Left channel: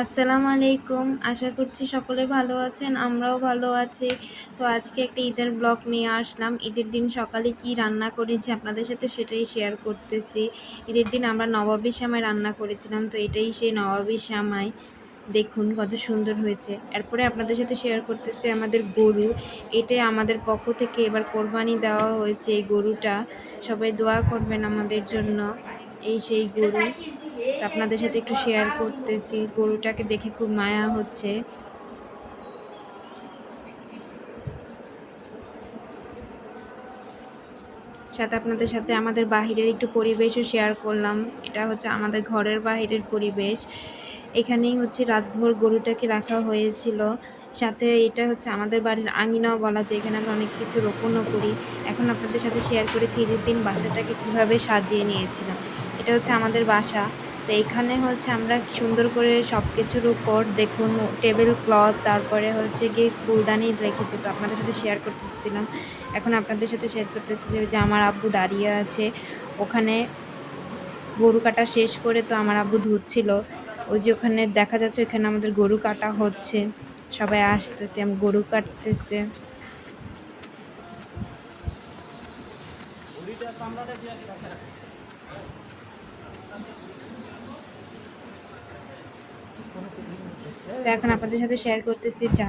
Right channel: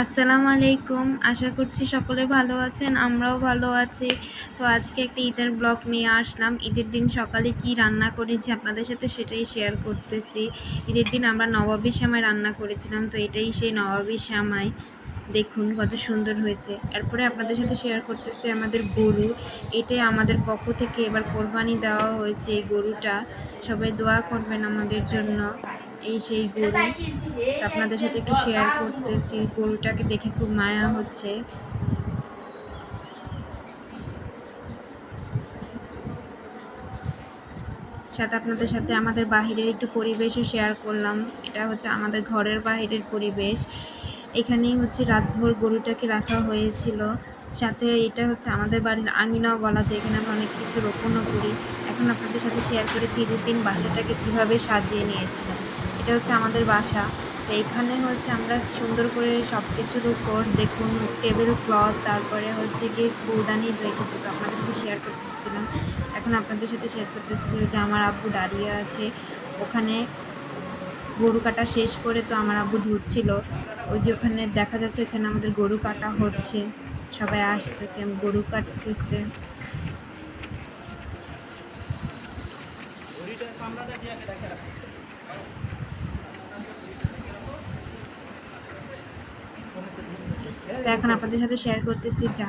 আসসালামু আলাইকুম। আশা করছি সকলে ভালো আছেন, আমরাও ভালো আছি। তো আজকে একটা ঈদের ব্লগ নিয়ে আসলাম। ঈদের দিন সকালে কি রান্না করেছি আপনাদের সাথে সেটাই শেয়ার করতেছি। ঈদের দিন আমরা নবাবির সামাই রান্না করেছিলাম, তো এটাই সেই নবাবির সামাই দেখুন কত সুন্দর হয়েছে। এরপরে আপনাদের সাথে শেয়ার করতেছি আমাদের গরু। এটাই আমাদের পক্ষ থেকে এবার কোরবানি দেওয়া হয়েছে এই গরুটা। সবাই দোয়া করবেন আমাদের জন্য। এই সেই গরু। আপনাদের সাথে একটু শেয়ার করতেছি। গরুটাকে দেখে খুব মায়া হচ্ছে। সাথে আপনাদের সাথে আমাদের বাহিরের একটু পরিবেশও শেয়ার করলাম। এটা হচ্ছে আমাদের ঘরের বাহিরের পরিবেশ। এখানেই হচ্ছে রাতভর গরুটাকে রাখা হয়েছিল। সাথে এটা হচ্ছে আমাদের বাড়ির আঙিনাও বলা যায়। এখানে আমরা অনেক কিছু রোপণও করি। এখন আপনাদের সাথে শেয়ার করেছি ঈদের দিন বাসাটাকে কীভাবে সাজিয়ে নিয়েছিলাম। এটা হচ্ছে আমাদের বাসা। তো এখানে হচ্ছে আমরা সুন্দর করে সব কিছুর উপর দেখুন টেবিল ক্লথ তারপরে হচ্ছে গিয়ে ফুলদানি রেখেছি। তো আপনাদের সাথে শেয়ার করতেছিলাম। এখন আপনাদের সাথে শেয়ার করতেছি যে আমার আব্বু দাঁড়িয়ে আছে। ওখানে গরু কাটা শেষ করে তো আমার আব্বু ধুচ্ছিল। ওই যে ওখানে দেখা যাচ্ছে ওখানে আমাদের গরু কাটা হচ্ছে। সবাই আসতেছে, গরু কাটতেছে। এখন আপনাদের সাথে শেয়ার করতেছি যা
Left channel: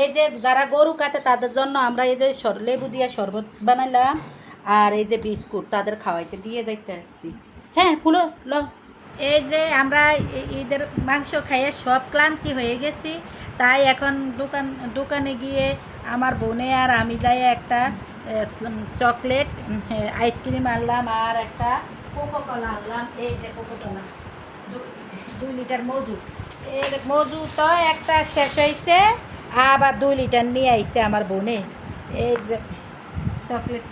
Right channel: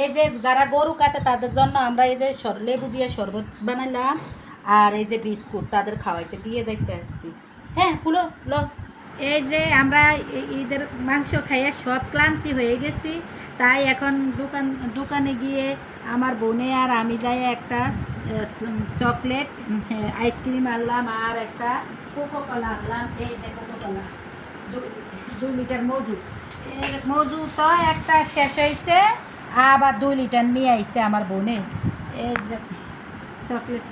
এই যে যারা গরু কাটে, তাদের জন্য আমরা এই যে লেবু দিয়ে শরবত বানাইলাম, আর এই যে বিস্কুট তাদের খাওয়াইতে দিয়ে দেখতে আসছি হ্যাঁ খুলো লো এই যে আমরা ঈদের মাংস খাইয়ে সব ক্লান্তি হয়ে গেছি, তাই এখন দোকান দোকানে গিয়ে আমার বোনে আর আমি যাই একটা চকলেট আইসক্রিম আনলাম আর একটা কোকো কলা আনলাম। এই যে কোকো কলা দুই লিটার এই মধু তো একটা শেষ হয়েছে আবার দুই লিটার নিয়ে আইছে আমার বোনে। এই যে চকলেট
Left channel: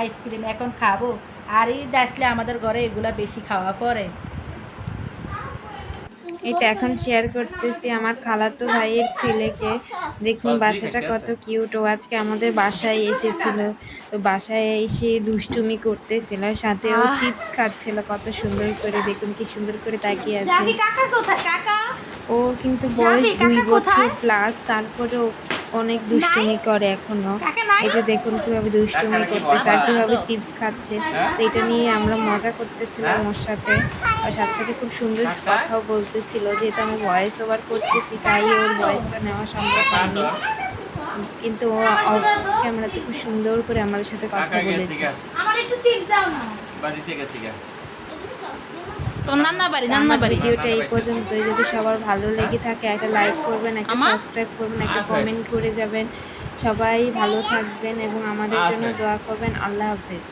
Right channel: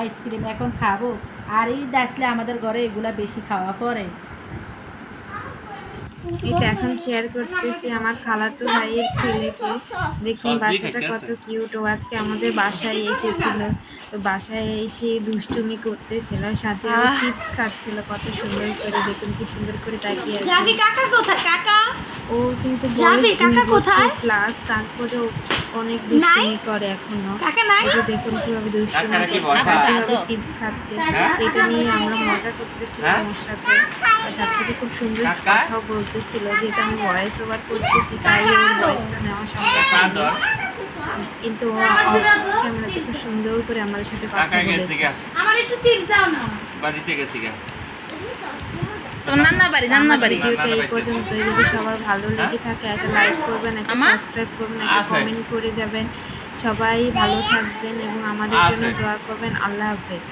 আইসক্রিম এখন খাব। আর ঈদ আসলে আমাদের ঘরে এগুলা বেশি খাওয়া পড়ে। এটা এখন শেয়ার করতেছি আমার খালাতো ভাইয়ের ছেলেকে। দেখুন বাচ্চাটা কত কিউট ও আজকে আমাদের বাসায় এসেছিল। তো বাসায় এসে দুষ্টুমি করতেছিল সাথে চিপস খাচ্ছিল। কত সুন্দর করে দেখুন কি সুন্দর করে তাকিয়ে আছে। কাকা কোথায় কাকা? ও কিন্তু? বয়স দুই কাকা বছর কোথায়? প্লাস তারপরেও অনেক দুষ্টুমি করে এখনও। এই যে দেখুন কীভাবে দুষ্টুমি কাকারা কি করতেছে কীভাবে চিপস খাচ্ছে। হ্যাঁ? এটা নিয়ে আমরা মজা করতেছিলাম হ্যাঁ? ওর সাথে। আর সাথে সাথে খুব সুন্দর? কথাও বলতেছিল যেহেতু আমি ভয়েস ওভার করতেছি তাই ওর ভয়েসটা নেওয়া সম্ভব হয়নি। কিন্তু অফ ক্যামেরাতে খুব সুন্দর করে আমাদের সাথে কথা বলেছে। আমার একটু চিপস দাও না। বাড়িতে গেছে গা তো নান্না বাড়ি নান্না বাড়ি ভিডিওটা এই পর্যন্তই। যদি সবার ভালো লেগে থাকে একটা লাইক করবেন একটা সাবস্ক্রাইব করবেন একটা। কমেন্ট করে যাবেন। সবাই ভালো থাকবেন এবং আমাদের জন্য। দোয়া করবেন। আল্লাহ হাফেজ।